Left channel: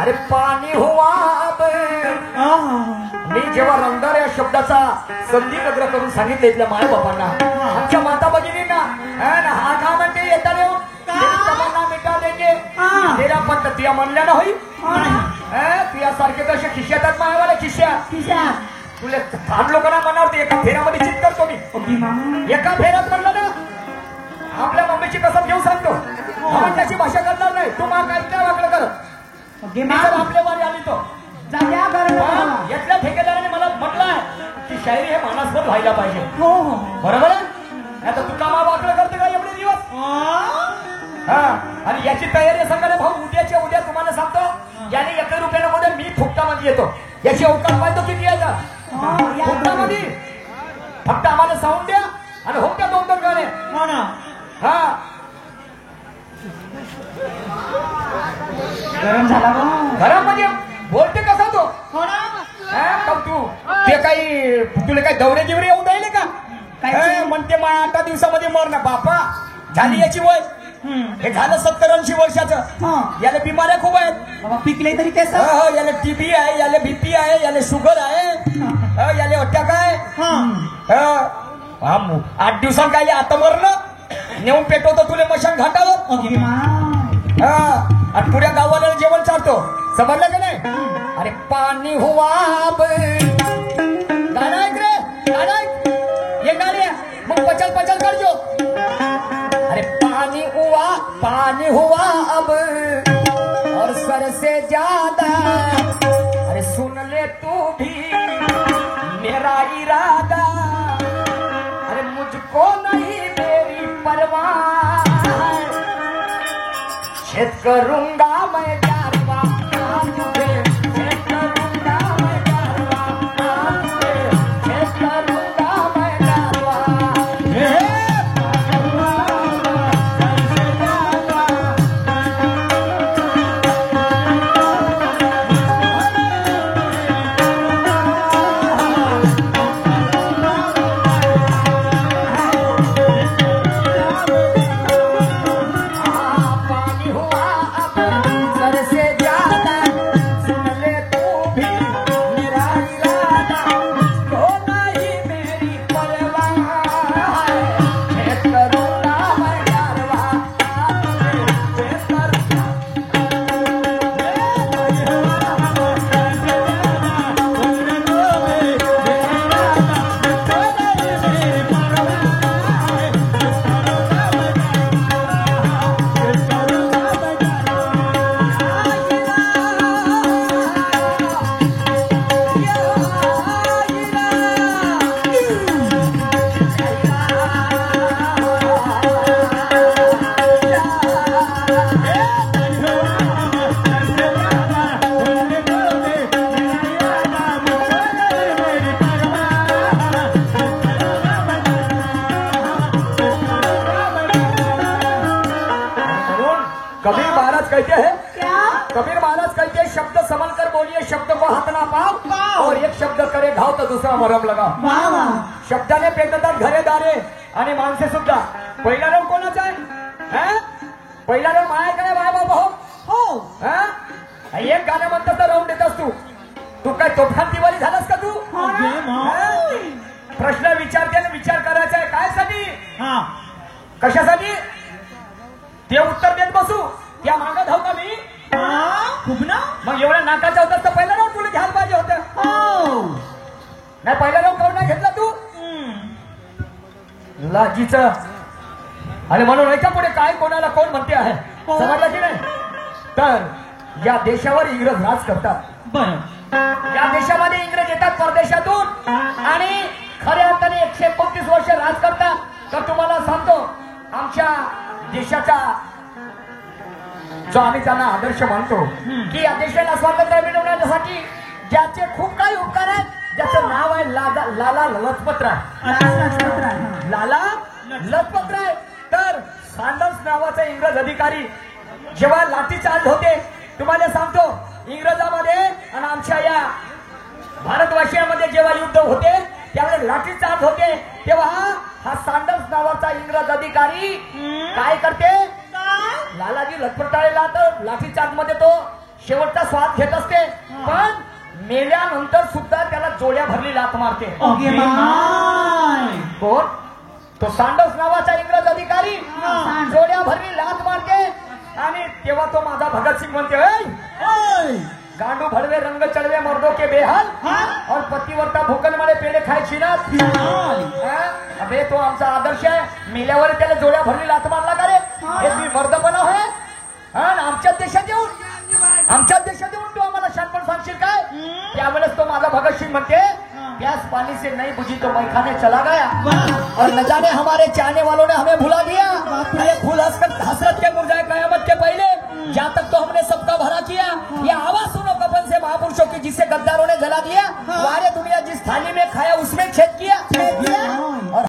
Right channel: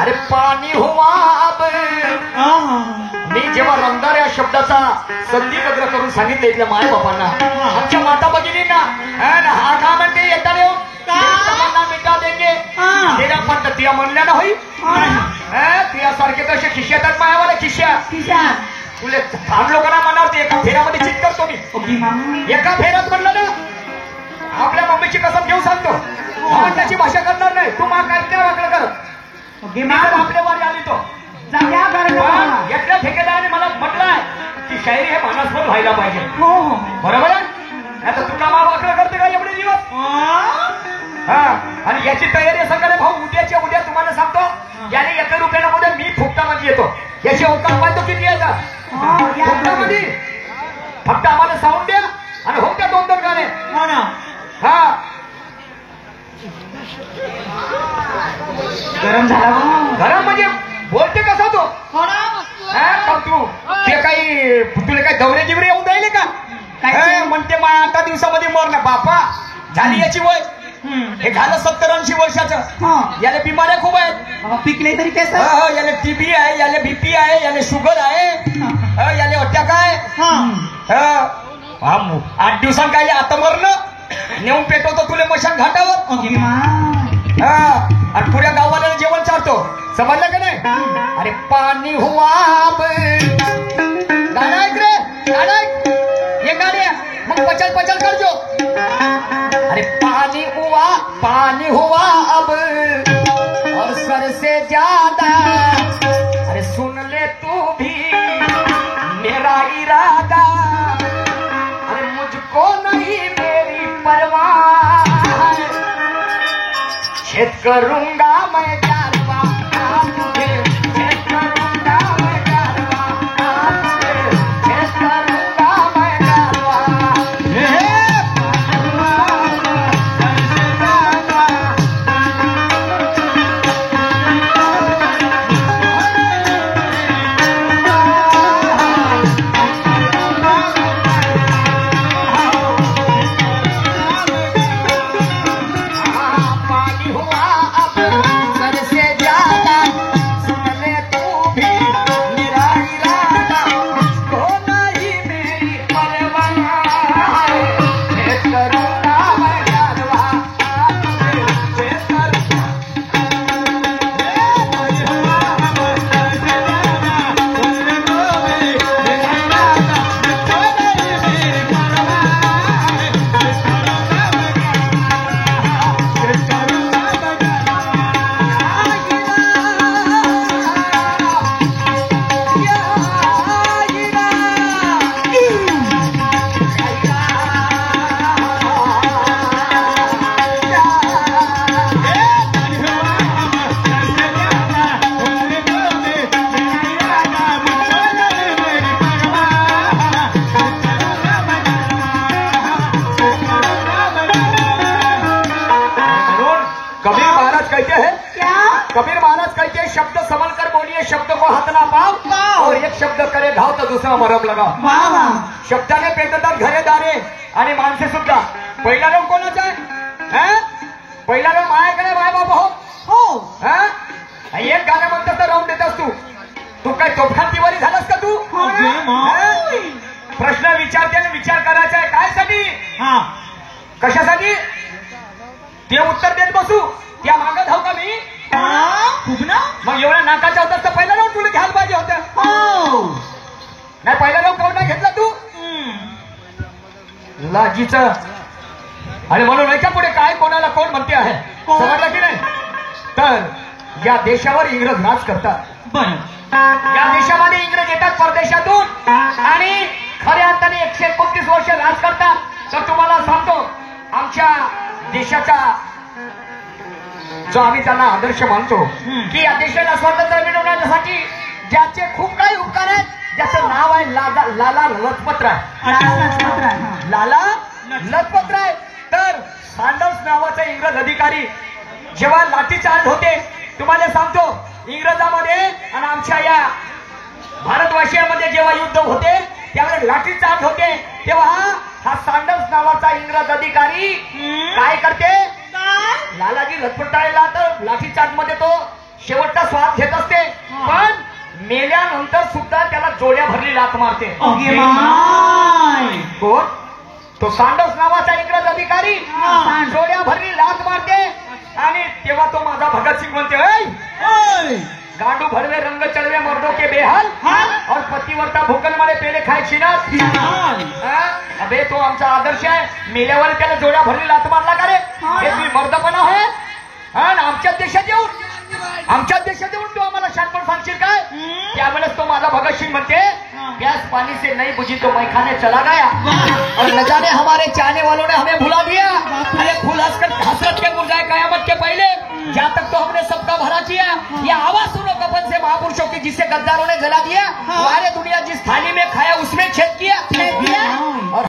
अरे पाणी हुआ अब. मी जेव्हा रंगार या शब्दाचा संधिबद्ध करून सांगितलं इथल्या माय बापांना, आमच्या माता भगिनींना, हा का म्हणते येता देऊ मिटा देंगे तेरा पद्धती म्हणल्या ना होई. तुझ्यासारखे तसे खिशे येतात मायावाला खिश्या तुला थांब लोकांना म्हणावते. एका फेऱ्यामध्ये चित करतो मी. एका फेऱ्यात म्हणलं ना आपल्या मम्मीची कसम घेऊ सांगतो. त्याची भाषा करणार नाही. तू मा काय वाकडं करत आपल्या वारी आली तो यातल्या ठेकेदाराने मला म्हटलंय की शायरी हे मनास्पद व्हायला पाहिजे. बरोबर आहे. आता तू का वाकडं करते का एवढे दिवस. आणि याची तयारी सांगायला भाऊ उद्याच्या उद्या तुम्हाला सांगतो. याने एका रुपयामध्ये मी फुकटामध्ये येतो. याची अवकाश पाहतो किती याचा मध्ये फक्त आम्हाला साऊंड द्या आणि हो त्या 2-2 गाणे. गरम झाला गरम म्हणजे बोलते कसा तो. तू ते काही तुला काही दौरे गिवरे येऊन राहिले का म्हणते मा 8 दिवसामध्ये मर ना बापा. झाली याची वय. हे झालं 70-80 वर्षाचं. याला बिमाऱ्या खूप आहेत. पिकले तरी कसं. याला टीबी आहे, याला बीपी आहे, याला शुगर आहे, याला अटॅक आहे. 8 दिवसांनी काय आता मरणं नेऊन पेटवतो तुला मशान घाटावर. आणि पुऱ्या गावाला जेवण चालतो. समजलं का नाही. अरे पाणी हुआ गाणं ऐक रे गाणं ऐक. ये गाणे मग पचल करजो. अरे पानी हुआ अब और सर से ज्यादा. अरे सुन ले तू भी मेरा इरादा. अरे मुझको नहीं मेरी परवाह है. छेद करूंगा मैं कारवा तुझे. छेद करूंगा मैं कारवा तुझे. छेद करूंगा मैं कारवा. कबीर महाराज कहते हैं शब्द संभल कर बोलिए, शब्द को हाथ ना पाओ. और एक शब्द करे घाव तर दुसरा मरम लगाव. शब्दाने पेटतात घरेदारे आणि माणसे सुद्धा. पहिला लोक कोणाचा आहे. पहिला लोक माझ्याकडे बाय बाबा हो. एक गाणं म्हणतात तर राहून देतास तू काय तोफान दिवाळी झालास का तू. प्रश्न विचारते आणि विचार करायचा आहे काय साठी कशासाठी ते उत्तर देत बसू. त्या मागं धाव का मी खूप ना. मग एवढा नाकाचा होता तर पहिला राऊंड तुला घ्यायला पाहिजे होतं. नाही पहिला राऊंड कोण नाही घेतला तू लाजीच. आणि म्हणून याच्या पुढे काय कोणाला कोण म्हणते आहे समजलं की नाही. तर या देशावर इंग्रज राज करतात. या देशामध्ये इंग्रज येतात परदेशातून आणि खऱ्या अर्थाने 129 वर्ष राज करतात. तर तुम्हाला सांगतो आमच्या देशाचा जो आम्ही त्यांना आदर्श मानतो की या देशाला स्वातंत्र्य मिळवण्यासाठी ज्याचे खूप काही उपकार आहेत. ज्याचं नाव आहे लाला लजपतराय. लाला लजपतराय. तर सँडर्स नावाचा इंग्रज अधिकारी जेव्हा लाठीचार्ज होते तुम्हाला सांगतो इंग्रजामध्ये आणि आमच्या या भारतवासियांमध्ये जेव्हा युद्ध होते त्यावेळेस लाठीचार्ज होते तेव्हा हा सँडर्स नावाचा इंग्रज अधिकारी काय करते लालाजी लजपतरायला तर लाठीचार्ज मध्ये तो शेवटचा स्वाद घेत असते पण मेल्यानंतर सुद्धा त्याला जोड्या भरली लाथ मारते. अगे माय. कोण? तो सांडोस नावाचा इंग्रज अधिकारी जोड्या भरली लाथ मारते आणि तेव्हा तो माझा भगतसिंग म्हणते, "ऐ, गांडू भरवे रंग चढ़वे मर्दों के बेहाल और पतिवर्ता भूकन मध्ये पेढे खायची ना." अबे तो आमचा आदर्श आहे. मेल्यावर त्याला जोड्या भरली लाथ मारला का रे? हे तुम्ही मर्दपणा आहे? आणि आमच्या देशात येऊन तू आम्हाला शानपण सांगशील काय? त्यावेळेस तो माझा भगतसिंग म्हणते, "प्यास पानी से नहीं बुझी तो मैखाने चला गया और न जाने हमारे चाहने वालों ने हमें भुला दिया. अरे फूल हसरत के मुरझाए कयामत के पहले जहाँ तक तो हमने सबका भला किया. ये आवाज सुनो कफन से महापुरुषों की जिसे गद्दारों ने जला दिया. सारे दुनिया जिस थाली में खाया उसमें छेद किया.